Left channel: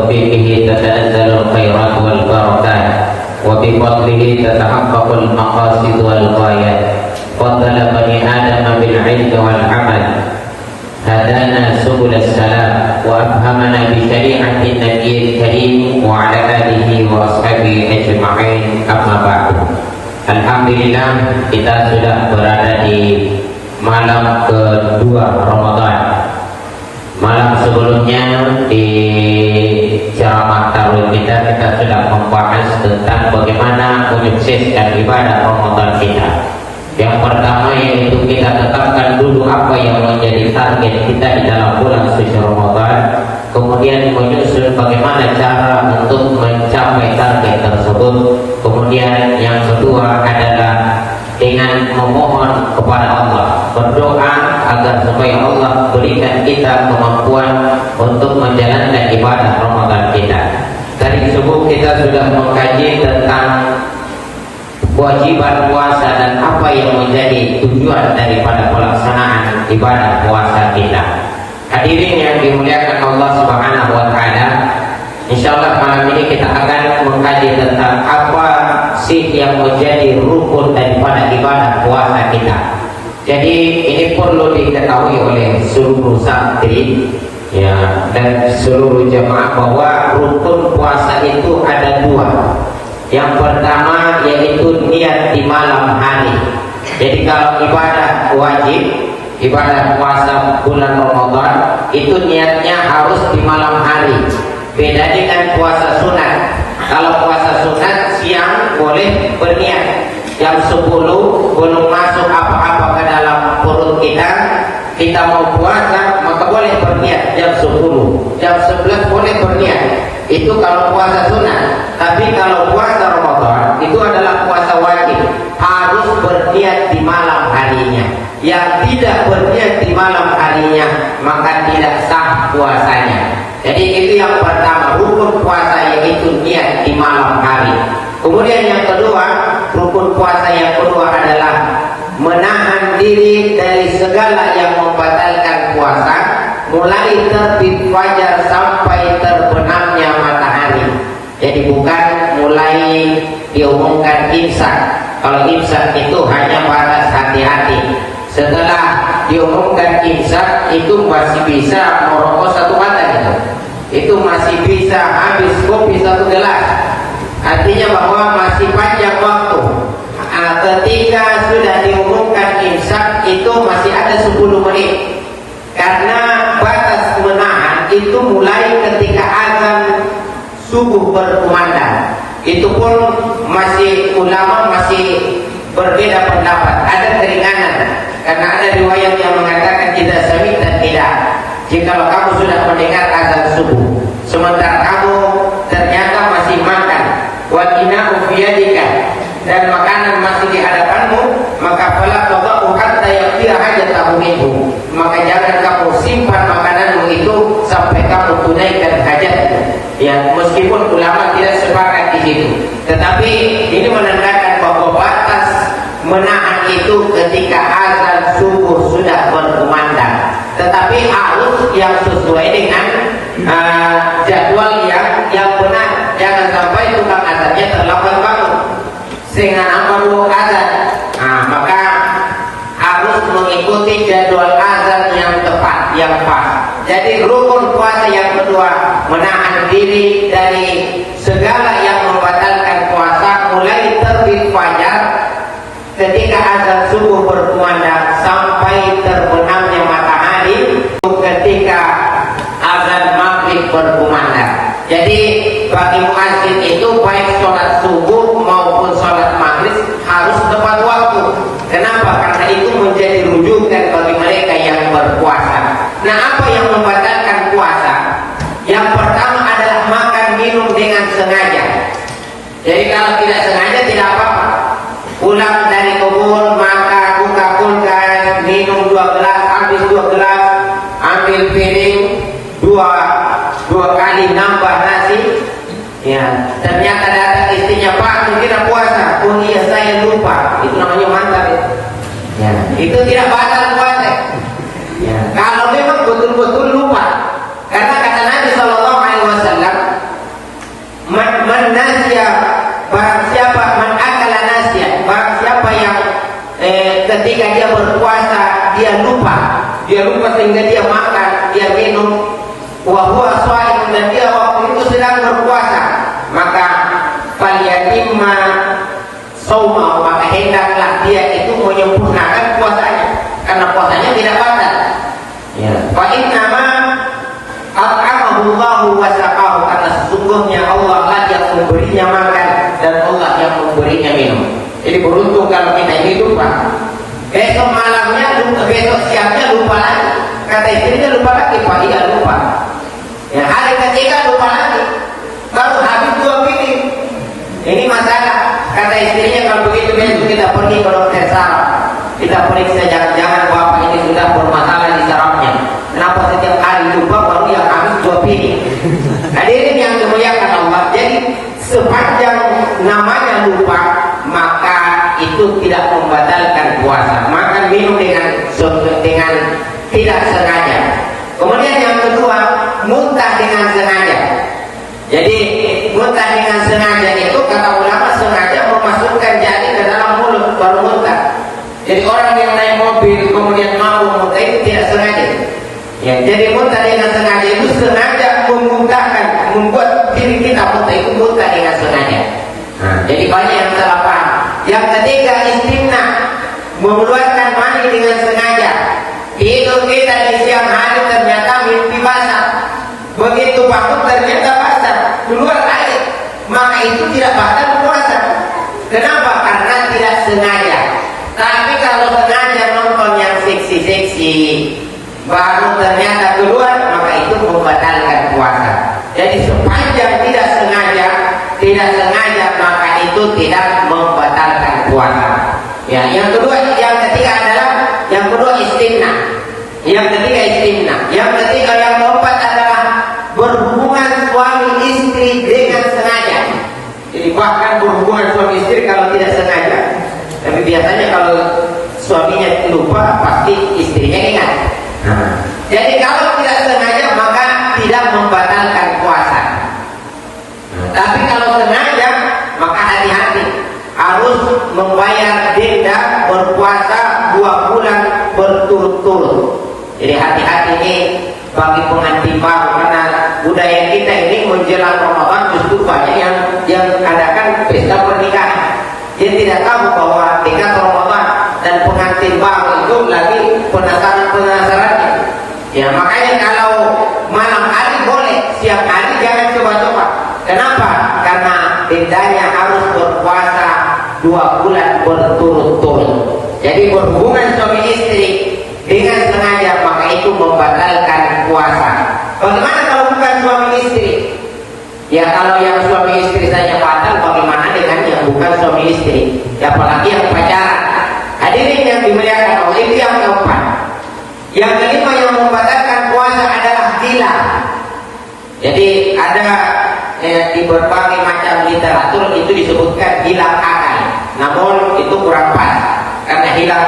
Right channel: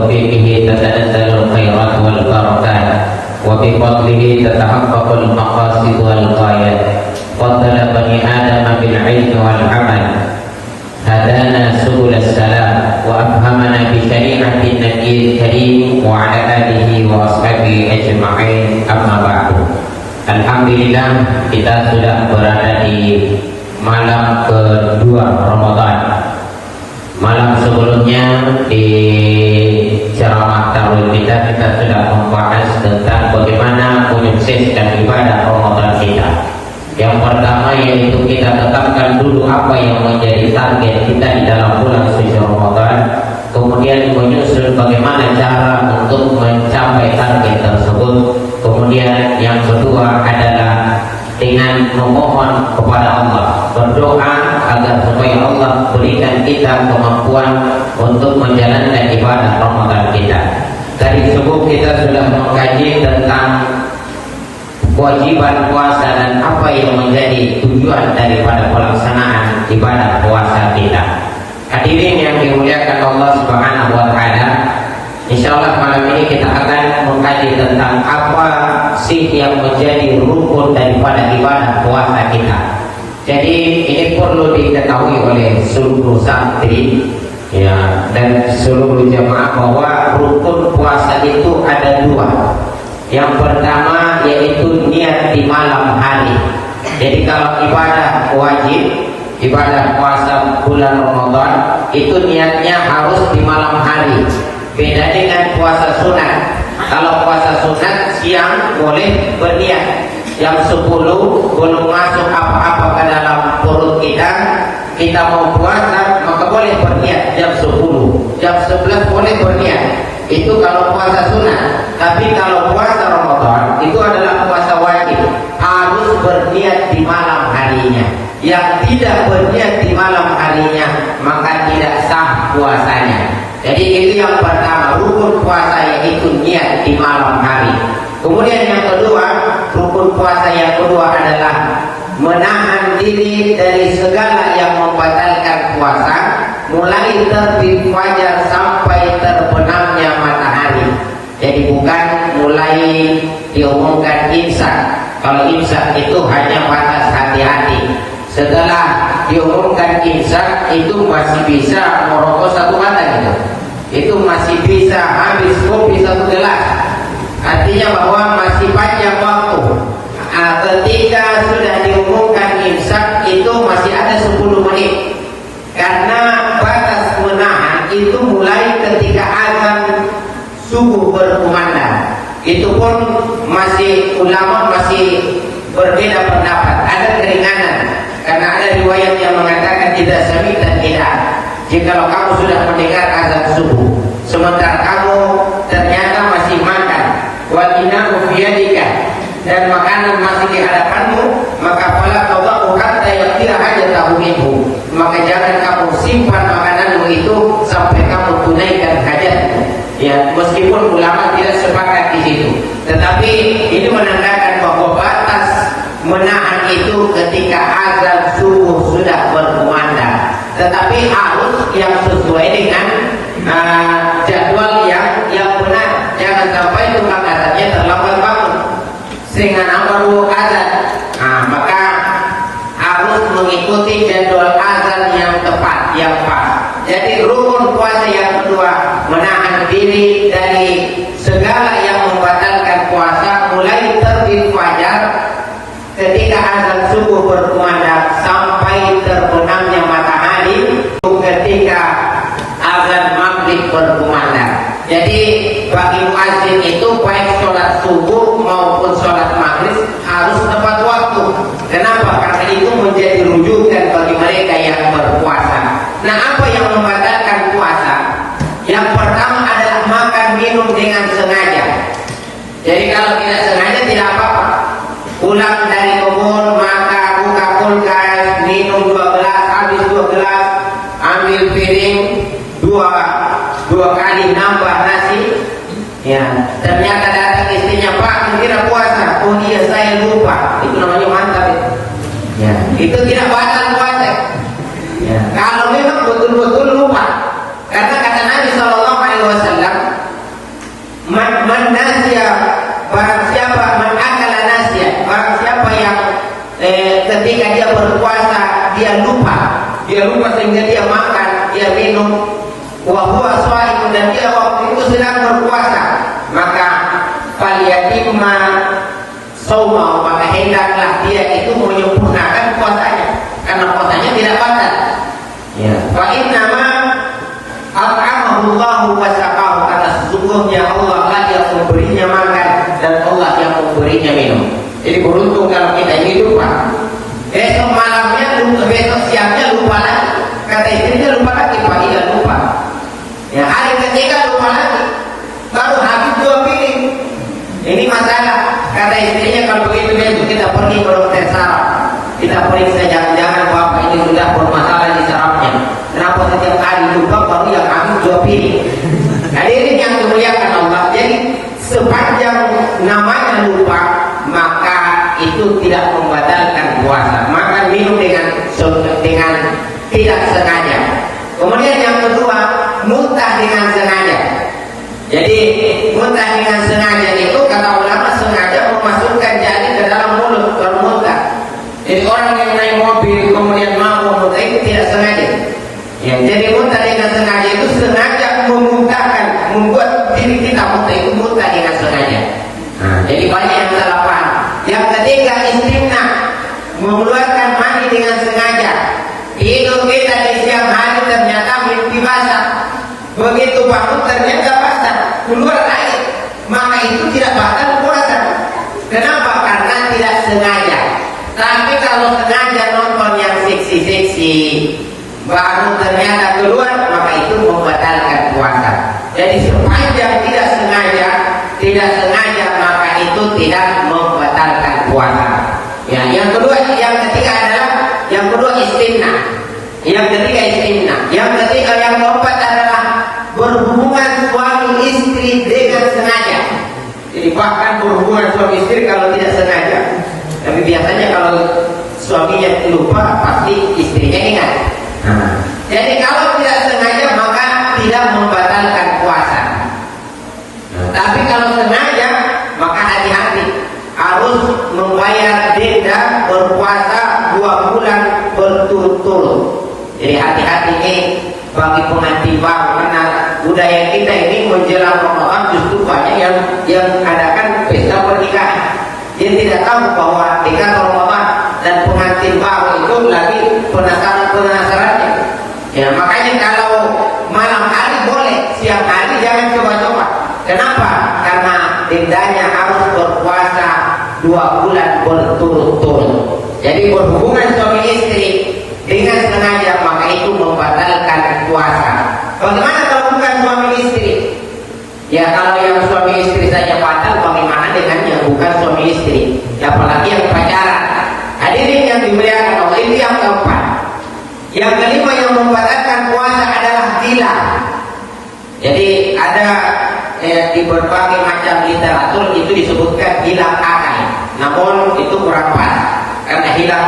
بتوفيقه تتنزل الخيرات والبركات وبفضله تتحقق المقاصد والغايات فضل بني آدم بالعلم والعمل هدانا سبل السلام وأفهمنا بشريعة النبي الكريم وعلى آله وأصحابه أجمعين أما بعد. Alhamdulillah kita sudah berada di malam kedua Ramadan. Malam sebelumnya di ceramah tarwih kita sudah membahas tentang bagaimana menyukseskan ibadah Ramadan kita. Yang pertama yaitu kita tetapkan dulu apa yang menjadi target kita di dalam bulan suci Ramadan. Kemudian menyusun bagaimana cara untuk mencapai target tersebut. Kemudian yang kedua adalah dengan memohon kepada Allah, berdoa agar supaya Allah berikan kita kemampuan untuk menjalankan ibadah Ramadan kita. Dari subuh kita sudah mengkaji tentang kewajiban puasa dan apa yang menjadi tujuan daripada pelaksanaan ibadah puasa kita. Hadirin yang dimuliakan Allah Subhanahu wa taala, insyaallah malam ini kita akan mengkaji tentang apa sih yang menjadi rukun daripada ibadah puasa kita. Jadi ini perlu diketahui oleh seluruh santri ya, dan seluruh jemaah bahwa rukun puasa itu ada dua. Yang pertama yaitu niat di malam hari. Jadi kalau ibadah wajib, ibadah puasa bulan Ramadan itu niatnya harus di malam hari. Beda dengan puasa sunat. Kalau puasa sunat siang boleh berniat. Jam 10 belum masuk apa-apa ke dalam perut kita mau puasa maka boleh berniat jam 10. Jam 11 boleh berniat. Itu kalau puasa sunat. Tapi kalau puasa Ramadan itu adalah puasa wajib, harus berniat di malam harinya. Yang tidak berniat di malam harinya maka tidak sah puasanya. Jadi itu yang pertama, rukun puasa yaitu niat di malam hari. Kemudian yang kedua, rukun puasa yang kedua adalah menahan diri dari segala yang membatalkan puasa, mulai terbit fajar sampai terbenamnya matahari. Jadi bukan mulai diumumkan imsak. Kalau imsak itu hanya batas hati-hati. Setelah diumumkan imsak itu masih bisa merokok satu batang. Itu masih bisa habis kopi satu gelas. Artinya bahwa masih panjang waktu. Ketika sudah diumumkan imsak itu masih ada 10 menit. Karena batas menahan itu mulai ketika azan subuh berkumandang. Itu pun masih ulama masih berbeda pendapat. Ada keringanan karena ada riwayat yang mengatakan tidak sami dan tidak. Jikalau kamu sudah mendengar azan subuh sementara kamu ternyata masih makan wajinaku biyadika dan makanan masih di hadapanmu, maka fala tadau hatta yakfiya hajatahu minhu, maka jangan kamu simpan makananmu itu sampai kamu tunaikan hajatmu. Ya, meskipun ulama tidak sepakat di situ, tetapi ini menandakan bahwa batas menahan itu ketika azan subuh sudah berkumandang. Tetapi harus yang sesuai dengan jadwal yang benar. Jangan sampai tukang azannya terlambat bangun sehingga amalu azan. Maka harus mengikuti jadwal azan yang tepat, yang pas. Jadi rukun puasa yang kedua, menahan diri dari segala yang membatalkan puasa mulai terbit fajar ketika azan subuh berkumandang sampai terbenamnya matahari ketika azan maghrib berkumandang. Jadi bagi muazzin itu baik sholat subuh maupun sholat maghrib harus tepat waktu. Kenapa? Karena itu menjadi rujukan bagi mereka yang berpuasa. Nah, apa yang membatalkan puasa? Yang pertama adalah makan minum dengan sengaja. Jadi kalau tidak sengaja tidak apa-apa. Pulang dari kebun, makan, buka kulkas, minum 2 gelas, habis 2 gelas, ambil piring, dua kali nambah nasi. Ya, ternyata datang istrinya, Pak, kira puasa. Oh iya, saya lupa. Itu namanya mantap. Ya, itu tidak batal puasa. Ya. Kalau memang betul-betul lupa, karena kata Nabi SAW man nasya, barang siapa man akala nasya, barang siapa yang ketika dia berpuasa dia lupa sehingga dia makan, dia minum, wa huwa shaimun, dan dia waktu itu sedang berpuasa, maka falyatimma shauma, maka hendaklah dia itu menyempurnakan puasanya, karena puasanya tidak batal. Wa inna ma at'amahullahu wa saqahu, kata sesungguhnya Allah lah yang memberinya makan dan Allah yang memberinya minum. Jadi beruntung kalau kita ini lupa. Besok malamnya lupa, besok siangnya lupa lagi. Kata istrinya lupa lagi, paginya lupa. Ya, hari ketiga lupa lagi. Baru habis 2 piring. Ini masalah. Kata istrinya kalau begitu besok kita pergi ke dokter saraf. Kita periksa jangan-jangan bapak ini sudah bermasalah di sarafnya. Kenapa setiap hari lupa baru yang habis 2 piring? Hadirin yang dimuliakan Allah, jadi sepanjang namanya lupa, maka itu tidak membatalkan puasa. Makan minum dengan tidak sengaja. Kemudian yang kedua, muntah dengan sengaja. Jadi muntah dengan sengaja itu kata ulama sengaja memasukkan jari ke dalam mulut baru muntah. Jadi orang yang naik mobil kemudian mampu muntah itu tidak sengaja. Ya, jadi muntah dengan sengaja itu sengaja memuntahkan, membuat diri kita muntah, itu muntah dengan sengaja. Jadi banyak yang salah paham. Yang ketiga, istimna, mengeluarkan mani dengan sengaja. Hidung kita di siang hari ternyata mimpi basah. Begitu bangun ternyata basah, keluar air, maka itu tidak batal puasa. Kenapa? Karena tidak sengaja. Tapi kalau sengaja nonton yang seksi-seksi, baru ternyata keluar, maka itu membatalkan puasa. Jadi sepanjang tidak sengaja, maka itu tidak membatalkan puasa. Ya, yang ketiga adalah istimna. Yang ketiga yang keempat adalah berhubungan suami istri dengan sengaja. Jadi bahkan berhubungan suami istri kalau tidak sengaja. Tapi biasanya kalau suaminya lupa, pasti istrinya ingat. Jadi kalau tidak sengaja maka tidak membatalkan puasa. Tapi kalau sengaja maka hati-hati, harus membayar denda berpuasa 2 bulan berturut-turut. Jadi hati-hati ini bagi pengantin baru, karena budaya kita ini menjelang Ramadan justru banyak yang adakan pesta pernikahan. Dia tidak tahu bahwa dekat Ramadan dan pengantin baru itu lagi penasaran. Ya, makanya kalau malam hari boleh, siang hari jangan coba-coba. Kenapa? Karena dendanya harus berpuasa 2 bulan berturut-turut. Jadi berhubungan suami istri dengan sengaja maka itu membatalkan puasa. Bagaimana kalau bukan suami istri? Ya kalau yang suami istri saja batal, bagaimana dengan yang bukan suami istri? Apalagi yang pacaran. Hadirin yang dimuliakan Allah, ini yang keempat. Yang kelima yang membatalkan puasa adalah gila. Jadi ada di berbagai macam literatur itu disebutkan hilang akal. Namun itu kurang pas. Karena hilang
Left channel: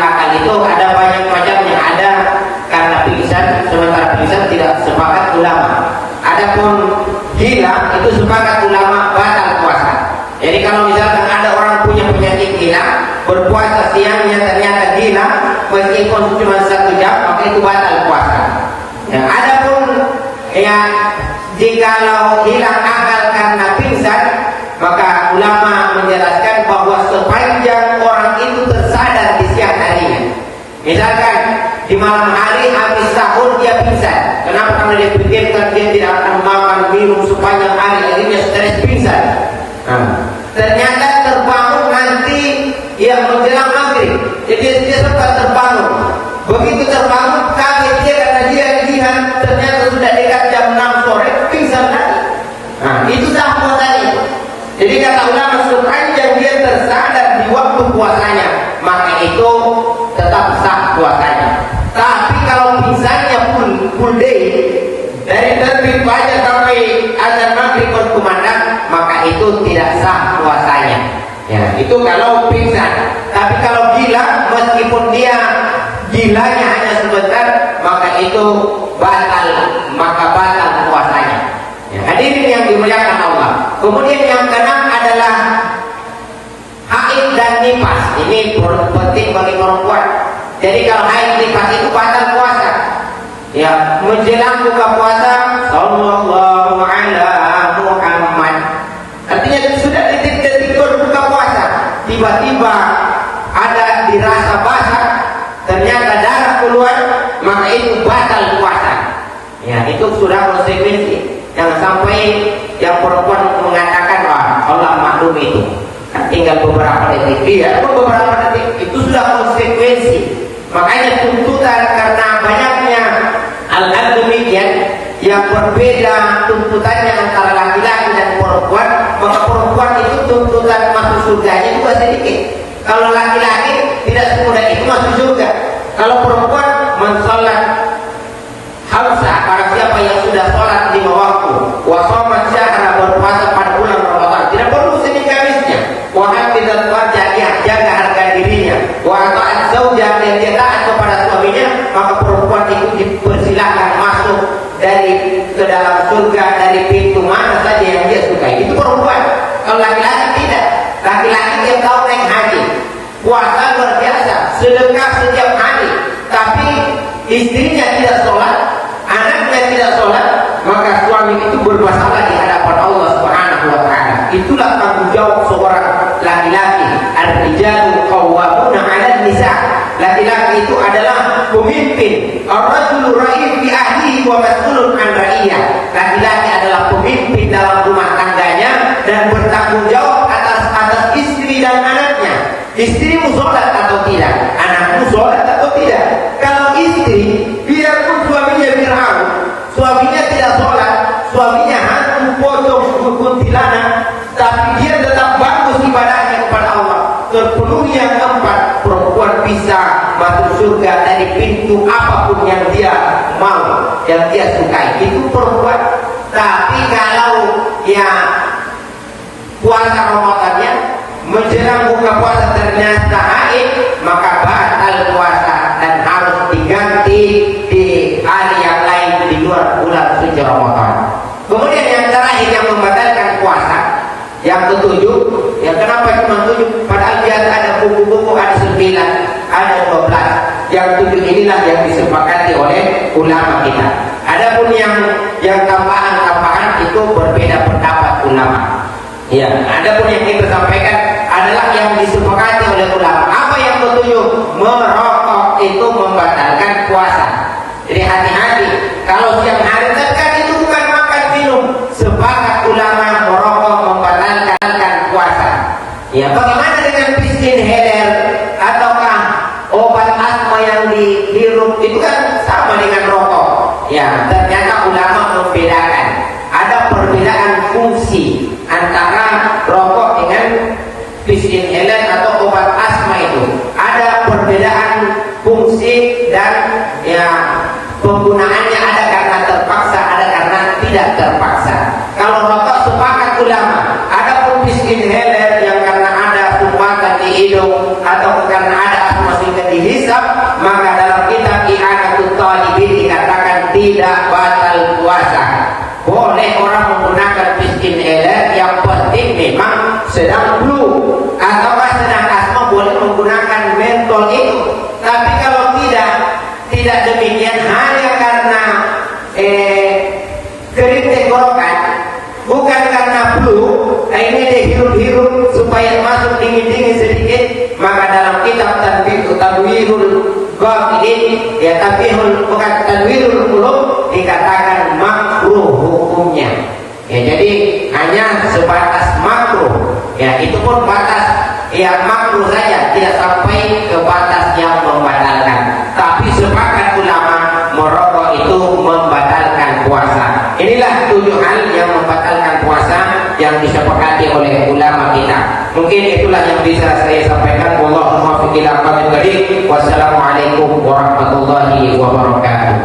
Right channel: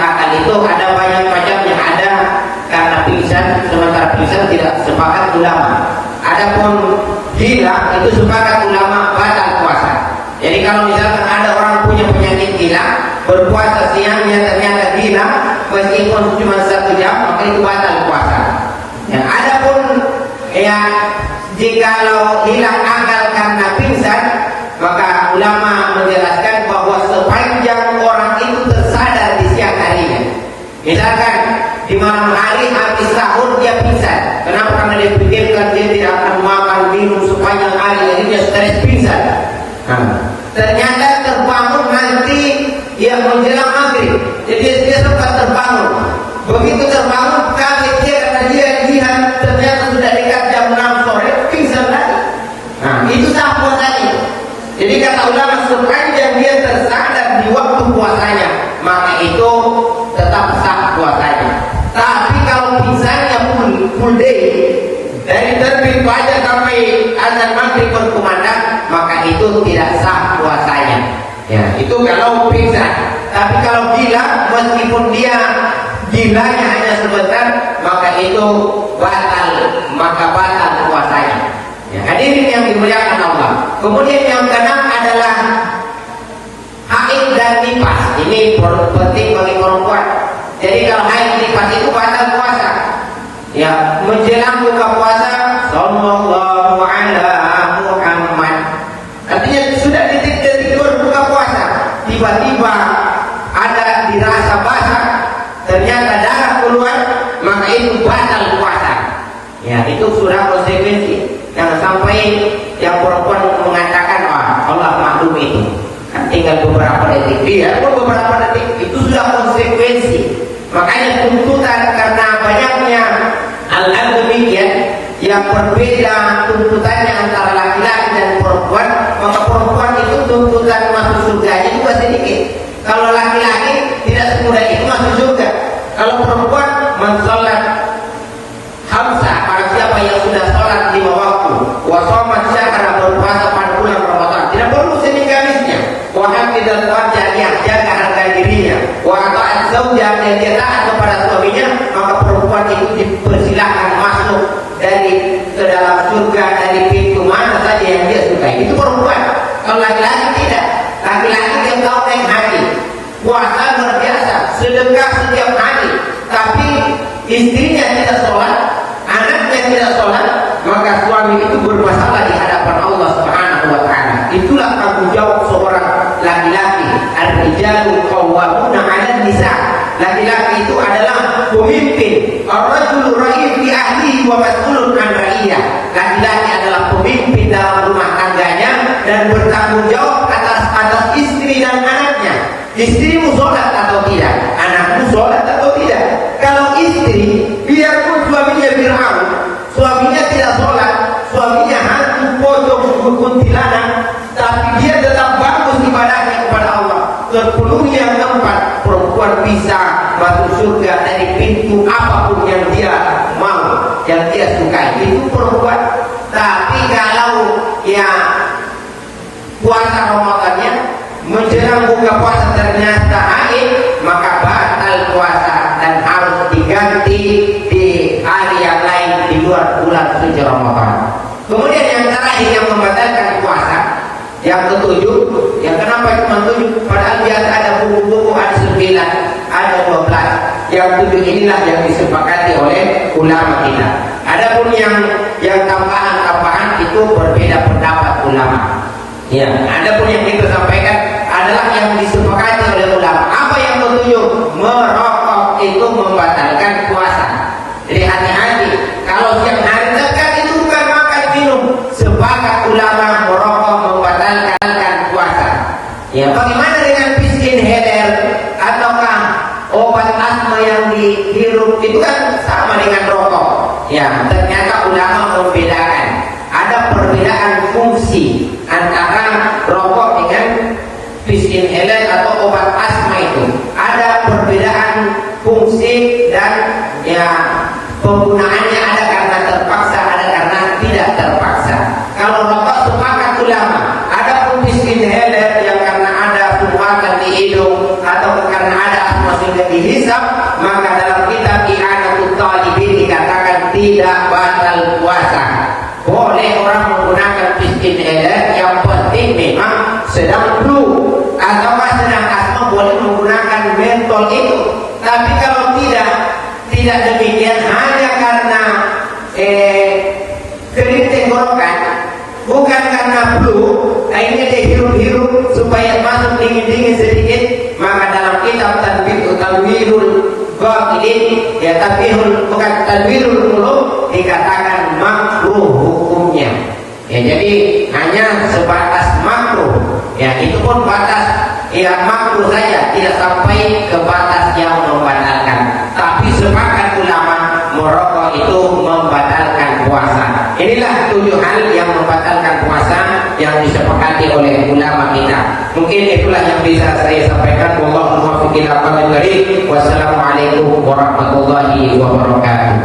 akal itu ada banyak macamnya. Ada karena pingsan, sementara pingsan tidak sepakat ulama. Adapun hilang itu sepakat ulama batal puasa. Jadi kalau misalkan ada orang punya penyakit hilang, berpuasa siangnya ternyata hilang, meskipun cuma 1 jam, maka itu batal puasa. Ya, adapun jikalau hilang akal karena pingsan, maka ulama menjelaskan bahwa sepanjang orang itu tersadar di siang harinya. Misalkan di malam hari habis sahur dia pingsan. Kenapa? Karena dia pikirkan dia tidak akan makan minum sepanjang hari, akhirnya stres pingsan. Ternyata terbangun nanti dia menjelang maghrib. Jadi dia sempat terbangun. Begitu terbangun, kaget dia karena dia lihat ternyata sudah dekat jam 6 sore, pingsan lagi. Itu sah puasanya. Jadi kata ulama, sepanjang dia tersadar di waktu puasanya, maka itu tetap sah puasanya. Tapi kalau pingsannya full day, dari terbit fajar sampai azan maghrib berkumandang, maka itu tidak sah puasanya. Ya, itu kalau pingsan. Tapi kalau gila, meskipun dia gilanya hanya sebentar, maka itu batal puasanya. Ya, hadirin yang dimuliakan Allah. Kemudian yang keenam adalah haid dan nifas. Ini penting bagi perempuan. Jadi kalau haid nifas itu batal puasa. Ya, menjelang buka puasa, sallallahu ala Muhammad. Artinya sudah detik-detik buka puasa, tiba-tiba ada dirasa basah, ternyata darah keluar, maka itu batal puasa. Ya, itu sudah konsekuensi. Jangan sampai yang perempuan mengatakan, Allah maklum itu. Tinggal beberapa detik, iya, beberapa detik itu sudah konsekuensi. Makanya tuntutan karena banyaknya hal-hal demikian yang berbeda tuntutannya antara laki-laki dan perempuan, maka perempuan itu tuntutan masuk surganya juga sedikit. Kalau laki-laki tidak semudah itu masuk surga. Kalau perempuan mensolat khamsa, para siapa yang sudah sholat 5 waktu, wa shoma syahra, berpuasa pada bulan Ramadan, tidak perlu sedikit-sedikitnya. Wa hafizat farjah, jaga harga dirinya, wa ta'at zawjah, dan dia taat kepada suaminya, maka perempuan itu dipersilakan masuk dari ke dalam surga dari pintu mana saja yang dia sukai. Itu perempuan. Kalau laki-laki tidak. Laki-laki yang tahu naik haji, puasa luar biasa, sedekah setiap hari, tapi istrinya tidak sholat, anaknya tidak sholat, maka suami itu bermasalah di hadapan Allah Subhanahu wa Ta'ala. Itulah tanggung jawab seorang laki-laki. Ar-rijalu qawwamuna 'alan nisa. Laki-laki itu adalah pemimpin. Ar-rajulu ra'iyun fi ahlihi wa mas'ulun 'an ra'iyah. Laki-laki adalah pemimpin dalam rumah tangganya dan bertanggung jawab atas istri dan anaknya. Istrimu sholat atau tidak? Anakmu sholat atau tidak? Kalau istri, biarpun suaminya Fir'aun, suaminya tidak sholat, suaminya hantu, pocong, kuntilanak, tapi dia tetap bagus ibadahnya kepada Allah. Sepenuhnya yang keempat, perempuan bisa masuk surga dari pintu apapun yang dia mau, yang dia sukai. Itu perempuan. Tapi kalau ya puasa Ramadannya menjelang buka puasa ternyata haid, maka batal puasa dan harus diganti di hari yang lain di luar bulan suci Ramadan. Kemudian yang terakhir yang membatalkan puasa, yang ketujuh, yang kenapa cuma 7? Padahal biasa ada buku-buku, ada 9, ada 12. Yang 7 inilah yang disepakati oleh ulama kita. Adapun yang tambahan-tambahan itu berbeda pendapat ulama. Ya, adapun yang kita sampaikan adalah yang disepakati oleh ulama. Apa yang ketujuh? Merokok itu membatalkan puasa. Hati-hati, kalau siang hari kan itu bukan makan minum. Sepakat ulama merokok membatalkan puasa. Ya, bagaimana dengan pistin header ataukah obat asma yang dihirup itu kan sama dengan rokok. Ya, ternyata ulama membedakan. Ada perbedaan fungsi antara rokok dengan pistin header atau obat asma itu. Ada perbedaan fungsi dan ya penggunaannya, ada karena terpaksa, ada karena tidak terpaksa. Kalau rokok sepakat ulama, ada pistin header yang karena ada kuman di hidung atau karena ada asma sudah dihisap, maka dalam kitab I'anatul Talibin dikatakan tidak batal puasa. Boleh orang menggunakan pistin header, yang penting memang sedang flu atau sedang asma, boleh menggunakan mentol itu. Tapi kalau tidak demikian, hanya karena kering tenggorokan, bukan karena flu, akhirnya dia hirup-hirup supaya masuk dingin-dingin sedikit, maka dalam kitab Tanwirul Ghafirin, ya bukan Tanwirul Qulub, dikatakan makruh hukumnya. Ya, jadi hanya sebatas makruh. Ya, itu pun batas yang makruh saja, tidak sampai ke batas yang membatalkan. Tapi sepakat ulama merokok itu membatalkan puasa. Inilah 7 hal yang membatalkan puasa yang disepakati oleh ulama kita. Mungkin itulah yang bisa saya sampaikan. Wassalamualaikum warahmatullahi wabarakatuh.